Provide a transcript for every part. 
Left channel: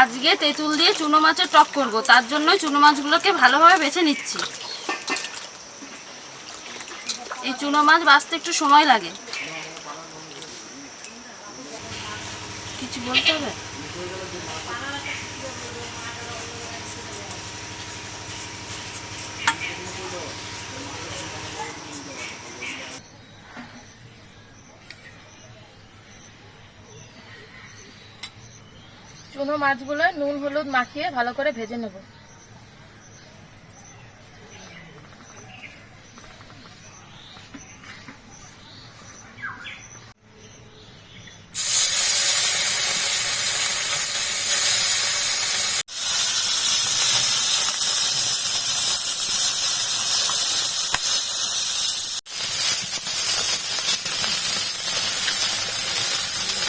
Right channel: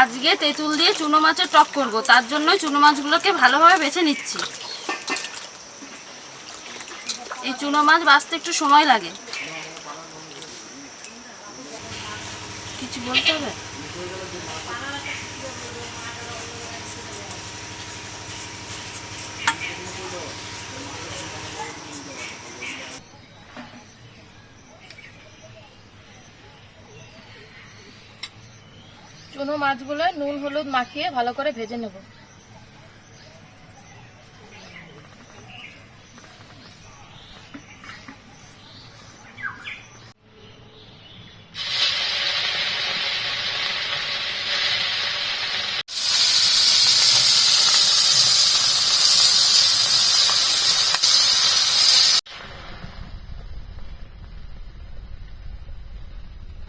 আজকে তেঁতুল দিয়ে চুনো মাছের টক করব, তার জন্য চুনো মাছগুলোকে ভালোভাবে বেছে নিচ্ছি। এই চুনো মাছ বাছতে একটু সময় লাগে। কিছু বলতে হবে? চুনো মাছগুলো নুন হলুদ মাখিয়ে ভালো করে ভেজে নেব।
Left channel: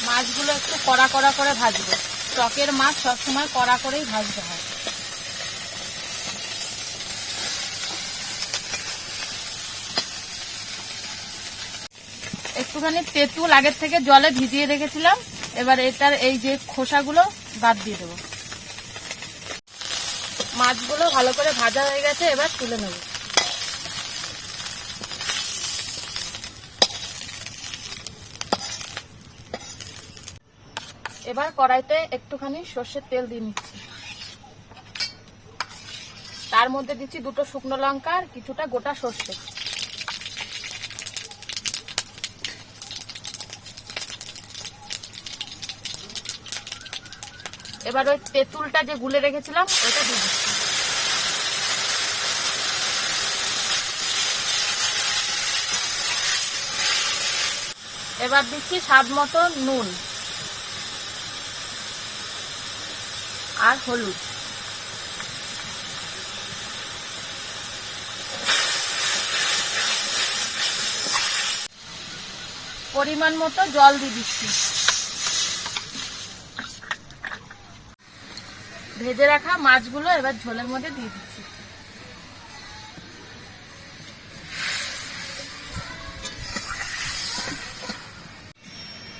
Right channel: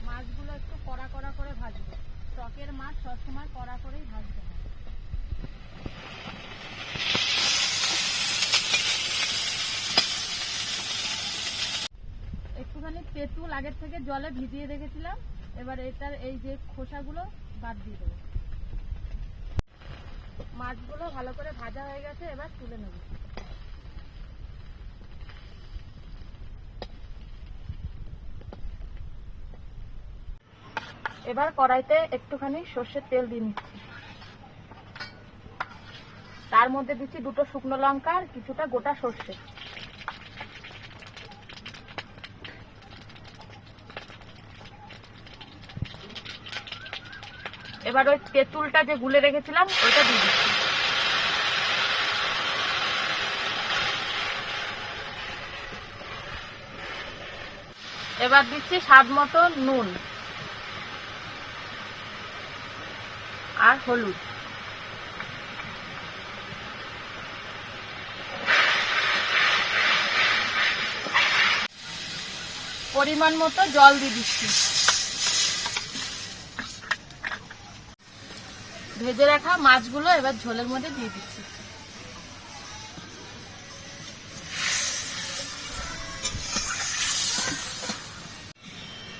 মাছগুলো একটু কড়া কড়া করে ভাজবো। টকের মাছ সবসময় কড়া করেই ভাজতে হয়। একটুখানি তেঁতুল আগের থেকে জলে ভিজিয়ে রেখেছিলাম, এবার এটার এই যে খোসাগুলো বাদ দিয়ে দেবো। মাছগুলো ভালো করে ভাজা হয়ে গেছে, এবার তুলে নেব। এবার কড়াইতে একটুখানি সর্ষের তেল দিয়ে নিচ্ছি। তার মধ্যে দিচ্ছি 2টো শুকনো লঙ্কা আর কিছুটা গোটা সর্ষে। এবার ওই তেঁতুলটা যে গুলে রেখেছিলাম ওটা দিয়ে দিচ্ছি। এবার দিচ্ছি স্বাদ মতো নুন আর হলুদ। পরিমাণ মতো জল দিয়ে দিচ্ছি। ভেজে রাখা মাছগুলো এবার ঝোলের মধ্যে দিয়ে দিচ্ছি।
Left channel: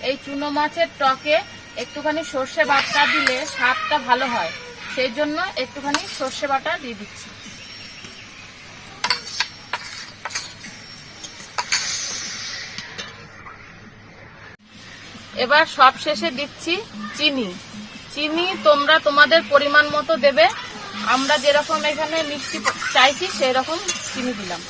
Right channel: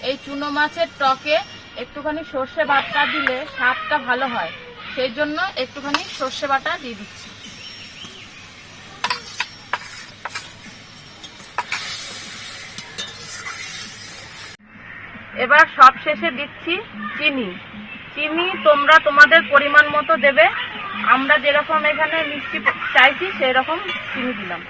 এই চুনো মাছের টকে একটুখানি সর্ষে বাটা দিলে স্বাদটা ভালো হয়, সেই জন্য একটুখানি সর্ষে বাটা দিয়ে দিচ্ছি। এবার সব শেষে দিচ্ছি চিনি। চিনি তোমরা তোমাদের পরিমাণ মতো দেবে। আমরা যেরকম এখানে মিষ্টি চাইছি সেই রকম চিনি দিলাম।